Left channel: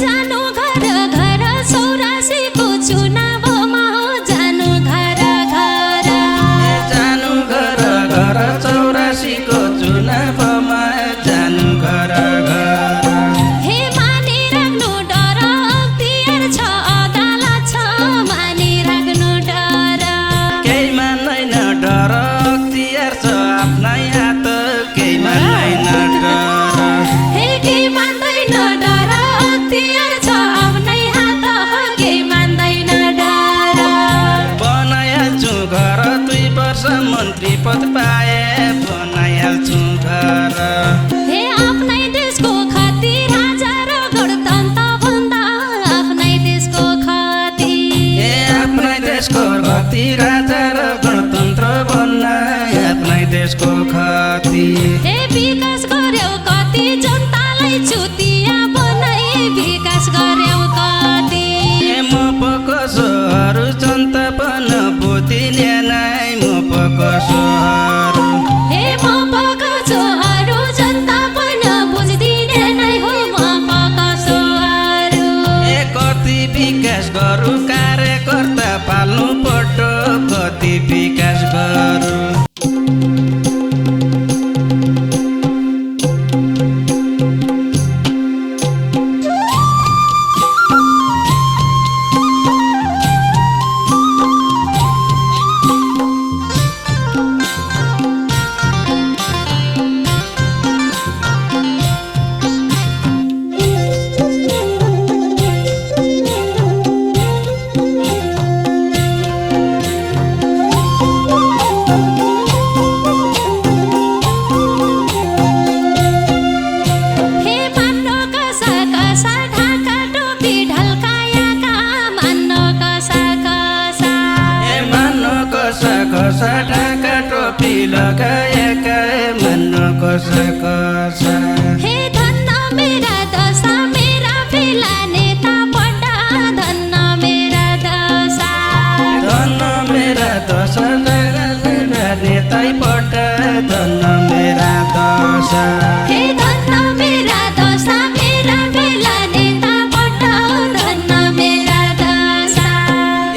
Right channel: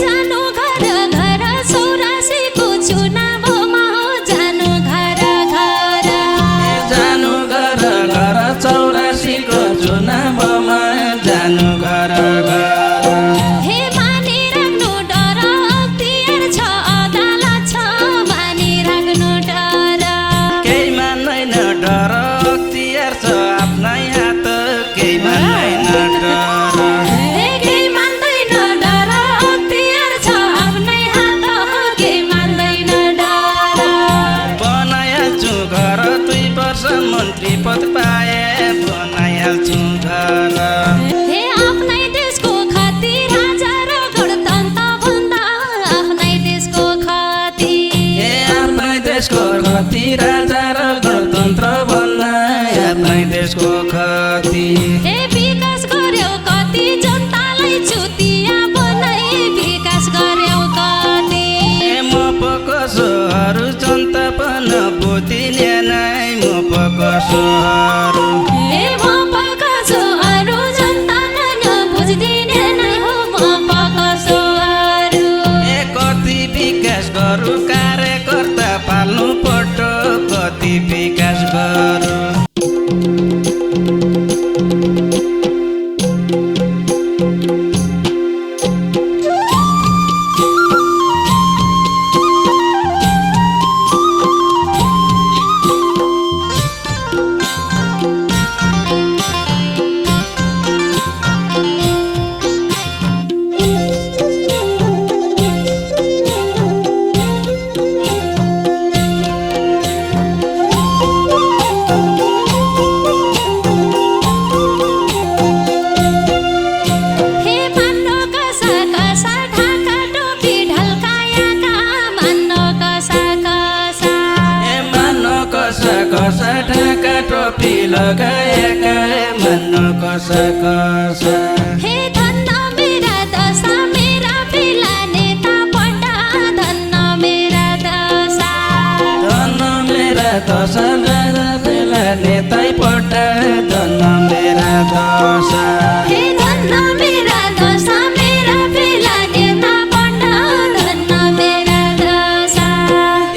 जानु घर घर 84 को चुनावमा हो जानु घर घर जानु घर घर 84 को चुनावमा जानु घर घर हे मानिराख्नु डर अख्तियार छ अदालत छ मानिराख्नु डर केही मान्दैन डर अख्तियार छ आफ्नै हात केही मान्दैन डर हे केही मान्दैन डर अख्तियार छ आफ्नै हात केही मान्दैन डर बनाइहाल्छु घर 2 वर्ष मन्त्री पद पाए बनाइहाल्छु घर हे आफ्नै देशको खती राजा र गणतन्त्र भन्दा आफ्नै देशको खती ए आफ्नै देशको खती राजा र गणतन्त्र बन्न आफ्नै देशको खती हे विकास गर्यौ कति जनतालाई चुतिया बनाई विकास गर्यौ कति ए म पकसोहरू जनता पन बुझिने नै म पकसोहरू हे म पकछु अरू जनता पनि बुझिदिने नै हो म पकछु अरू ए कति विकास गरौँ कार्यकर्ता पाल्नु पर्छ कति विकास गरौँ हे मान्नु कसा कसा ढाका टोपी ढल्काएका मान्नु कसा कसा ए मान्नु कसा कसा ढाका टोपी लगाएका मान्नु कसा कसा हे धन्न मेरा दशा मेरा बेला नेता पड्डा धन्न मेरा दशा धन्न मेरा दशा मेरा नेतै पट धन्न मेरा दशा हे धन्न मेरा दशा मेरा बेला नेता पड्डा धन्न मेरा दशा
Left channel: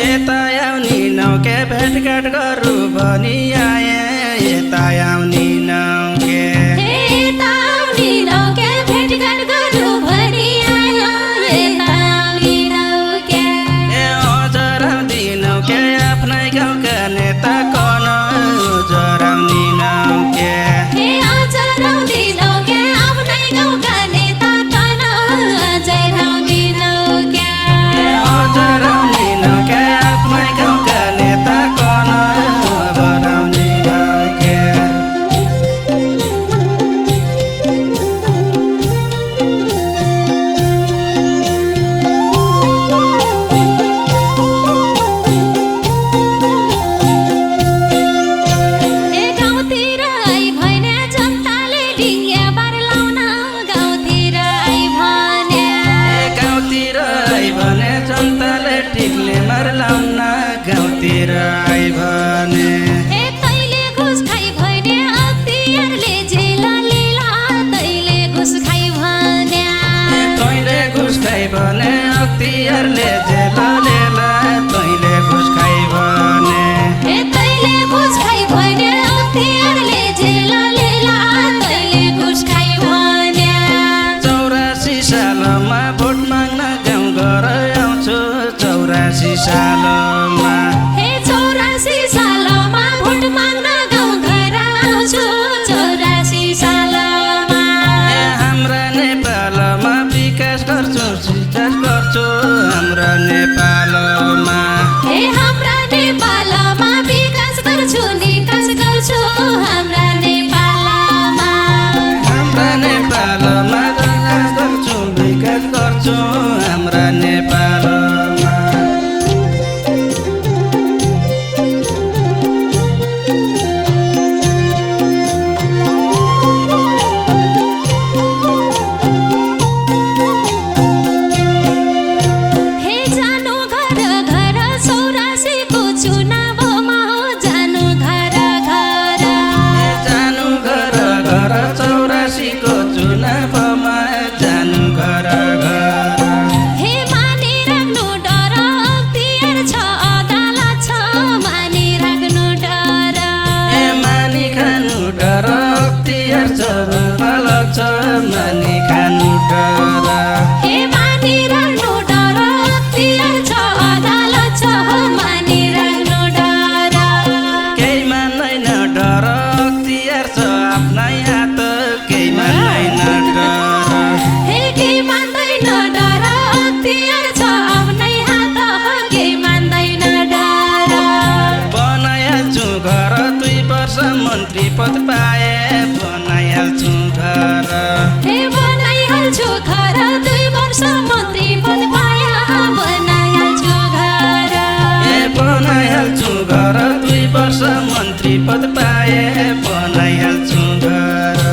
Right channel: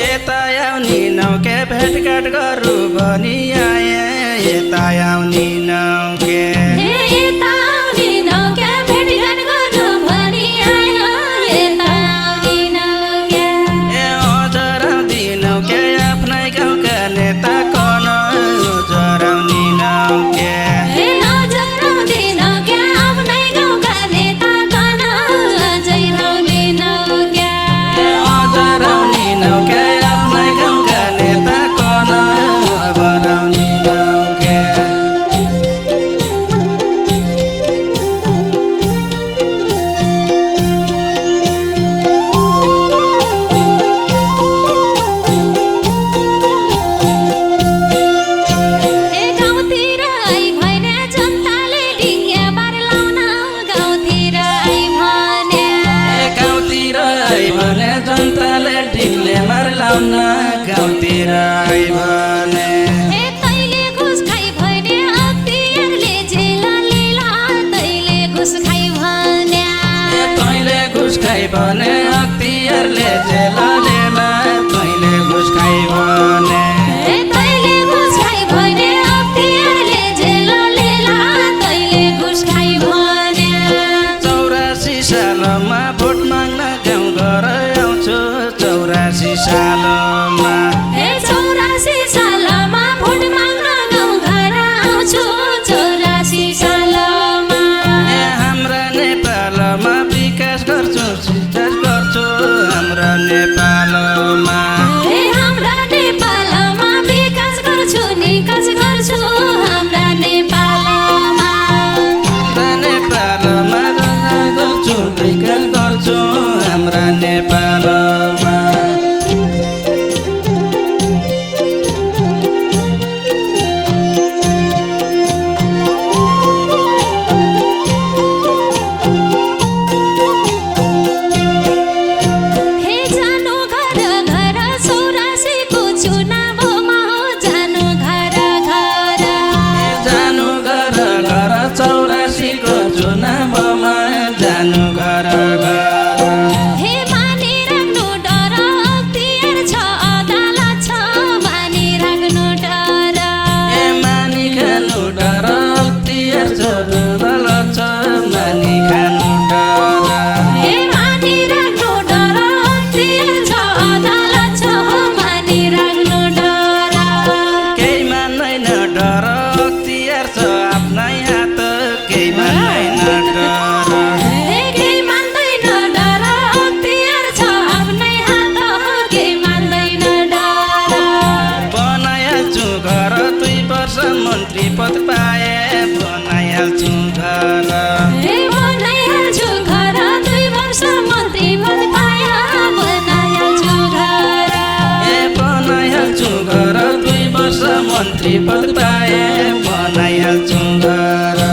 यता आउने नौके भेटघाट गरौँ भनी आए यता आउने नौके हे यता आउने नौका भेटघाट गरौँ भनी आयो यता आउने नौका ए हजुर आउने नौके आफ्नै गाउँका नेता कन हजुर आउने नौके हे हजुर आउने नौका आफ्नै गाउँका नेता कन अझै आउने नौका ए हजुर आउने नौके आफ्नै गाउँका नेता कन हजुर आउने नौके ए गाउँतिर आई भने जनताले ढिङ्गे बार लाउन गाउँतिर आई भने ए गाउँतिर आई भने जनताले टिकले मार लाउन गाउँतिर आई भने ए तैले घुस खाइ भने अख्तियारले जेल लिला तैले घुस खाइ भने ए तैँले घुस खाइ भने अख्तियारले जेल लेला तैँले घुस खाइ भने ए तैले घुस खाइ भने अख्तियारले जेल लिला तैले घुस खाइ भने 84 सालमा भोट माग्न गाउँ घर आउँछु 84 सालमा हे 84 सालमा भोट माग्न गाउँ घर आउँछु 84 सालमा ए हाम्रा नेपालमा विकास गर्छु विकास गर्छु हाम्रा नेपालमा हे हाम्रा नेपालमा विकास गर्छु निकास गर्छु हाम्रा नेपालमा हाम्रा नेपालमा विकास गर्छु विकास गर्छु हाम्रा नेपालमा हे जानु घर घर 84 को चुनावमा हो जानु घर घर जानु घर घर 84 को चुनावमा जानु घर घर मन्त्री पद पाए बनाइहाल्छु घर हे बनाइहाल्छु घर 2 वर्ष मन्त्री पद पाया बनाइहाल्छु घर ए बनाइहाल्छु घर 2 वर्ष मन्त्री पद पाए बनाइहाल्छु घर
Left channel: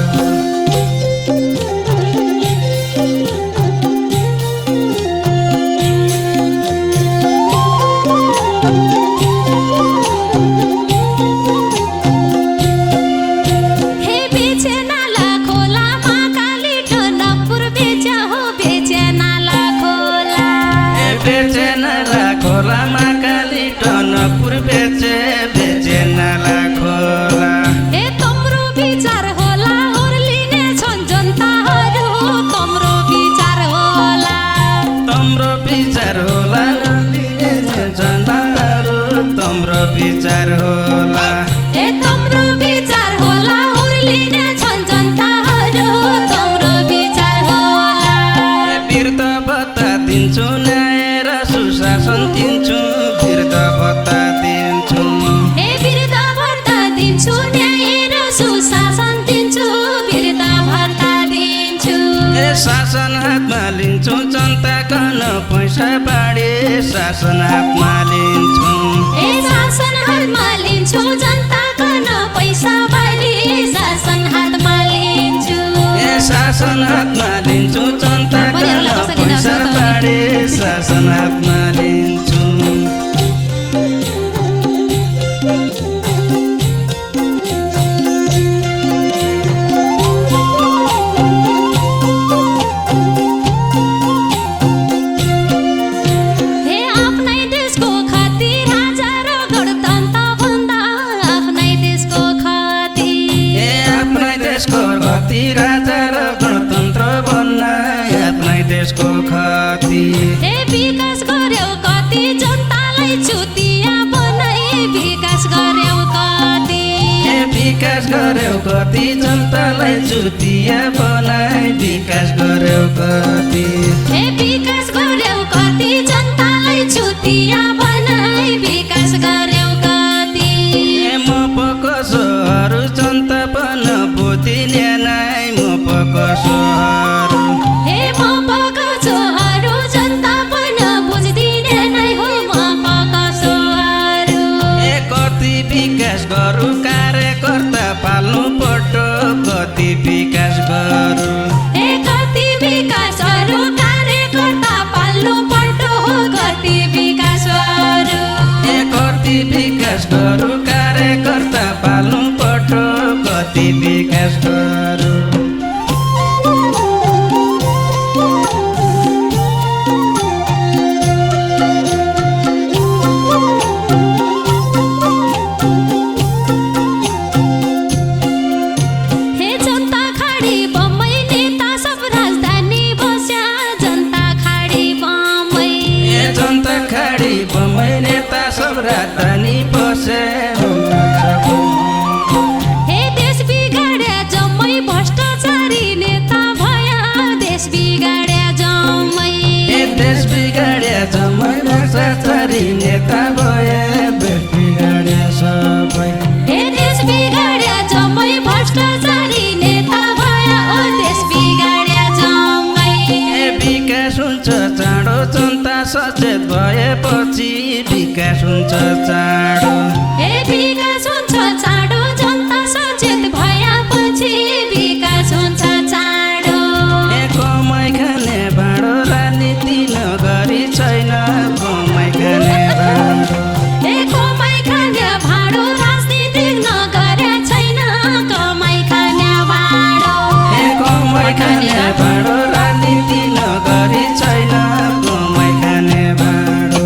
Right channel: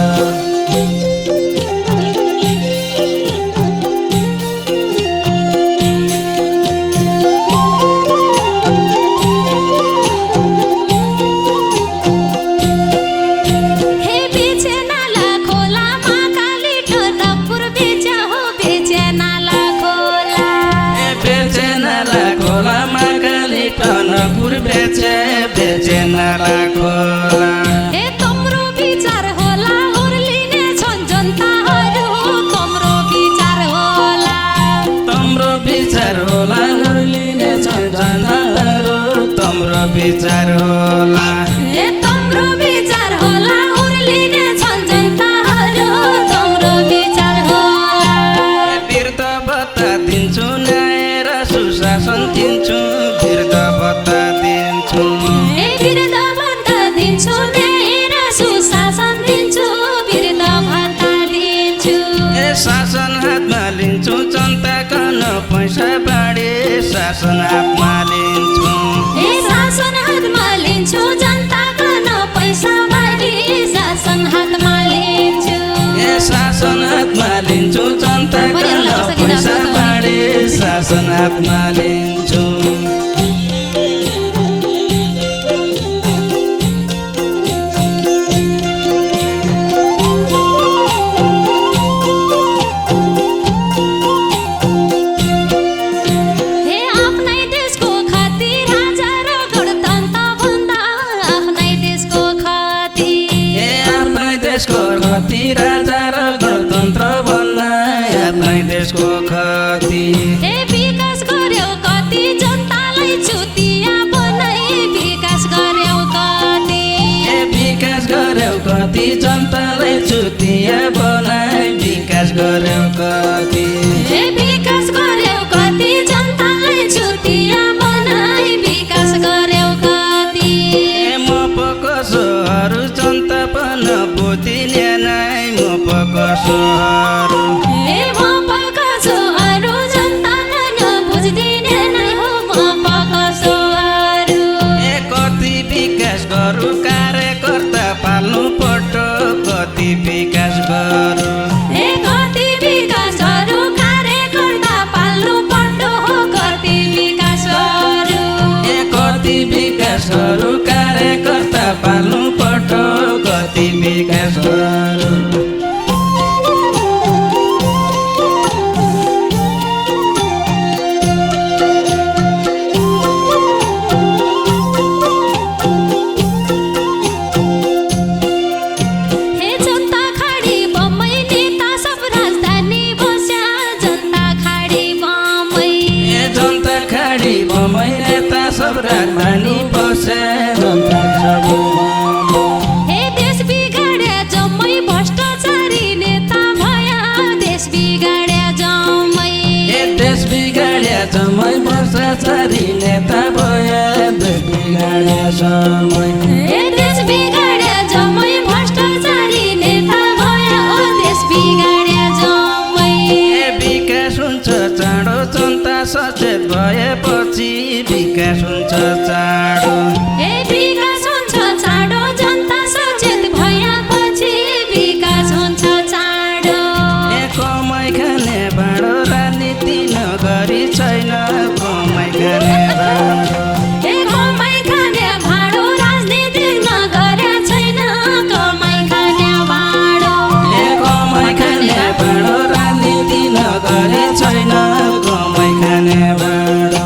टनकपुर बेचे नाला खोला ए तम्रो विचार होला ओर्लिने छन् जनताहरू तम्रो विचार होला तम्रो विचार होला ओर्लिने छन् जनताहरू तम्रो विचार होला ए तम्रो विचार होला ओर्लिने छन् जनताहरू तम्रो विचार होला वृद्ध भत्ता दिन्छु न्याय र सुशासन दिन्छु वृद्ध भत्ता दिन्छु ए वृद्ध भत्ता दिन्छु न्याय र सुशासन दिन्छु वृद्ध भत्ता दिन्छु ए शासन हातमा लिन्छु जनताको न पैसा बाँडे शासन हातमा लिन्छु ए शासन हातमा लिन्छु जनताको न पैसा बाँडे शासन हातमा लिन्छु ए शासन हातमा लिन्छु जनताको न पैसा बाँडे शासन हातमा लिन्छु राजा र गणतन्त्र बन्न आफ्नै देशको खती ए विकास गर्यौ कति जनतालाई चुतिया बनाई विकास गर्यौ कति ए विकास गर्यौ कति जनतालाई चुतिया बनाई विकास गर्यौ कति ए विकास गर्यौ कति जनतालाई चुतिया बनाई विकास गर्यौ कति ए म पकसोहरू जनता पन बुझिने नै म पकसोहरू ए म पकसोहरू जनता पन बुझिदिने नै हो म पकसोहरू ए कति विकास गरौँ कार्यकर्ता पाल्नु पर्छ कति विकास गरौँ ए कति विकासहरू कार्यकर्ता पाल्नु पर्छ हो कति विकासहरू ए कति विकास गरौँ कार्यकर्ता पाल्नु पर्छ कति विकास गरौँ राजधानी बसे हे देश बिगाड्या जम्मै भ्रष्टाचारी नेता भया देश बिगाड्या जम्मै हे देश बिगाड्या जम्मै भ्रष्टाचारी नेता भया देश बिगाड्या सबै हे देश बिगाड्या जम्मै भ्रष्टाचारी नेता भया ओ देश बिगाड्या जम्मै हे विकास हुन्छ चाँडो जनता सचेत भएपछि विकास हुन्छ चाँडो ए विकास हुन्छ चाँडो जनता सचेत भएपछि विकास हुन्छ चाँडो ए कमाइ खाने भाँडो राजनीति नगरी छैन कमाइ खाने भाँडो ए कमाइ खाने भाँडो राजनीति नगर्या छैन कमाइ खाने भाँडो ए कमाइ खाने भाँडो राजनीति नगरी छैन कमाइ खाने भाँडो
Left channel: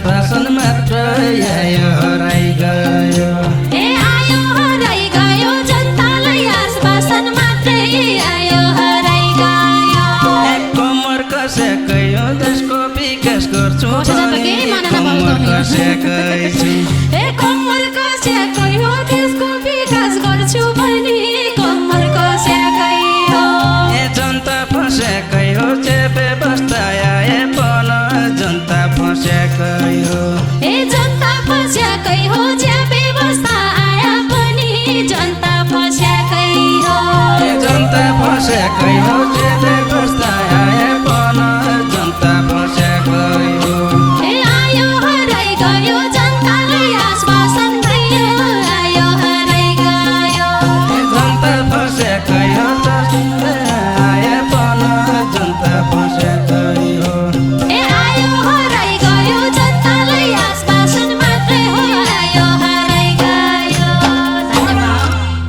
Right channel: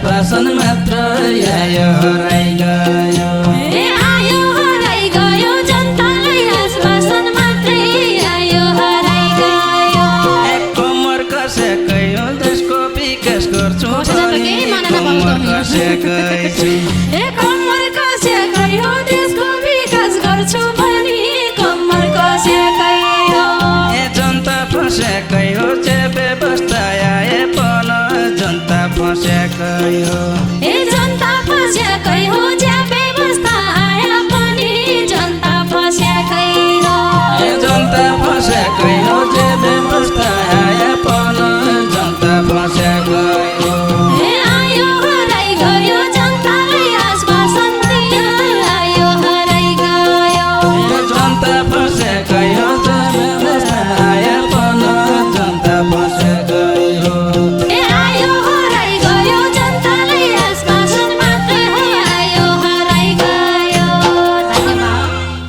आश्वासन मात्र आयो हराइ गयो ए आयो हराइ गयो जनतालाई आश्वासन मात्रै आयो हराइ गयो कम्मर कसेकै हो देशको विकास गर्छु कम्मर कसेकै छु ए कम्मर कसेकै हो देशको विकास गर्छु भनी कम्मर कसेकै हो ए जनता फसेकै हो जे व्यवस्था आए पन जनता फसेकै हो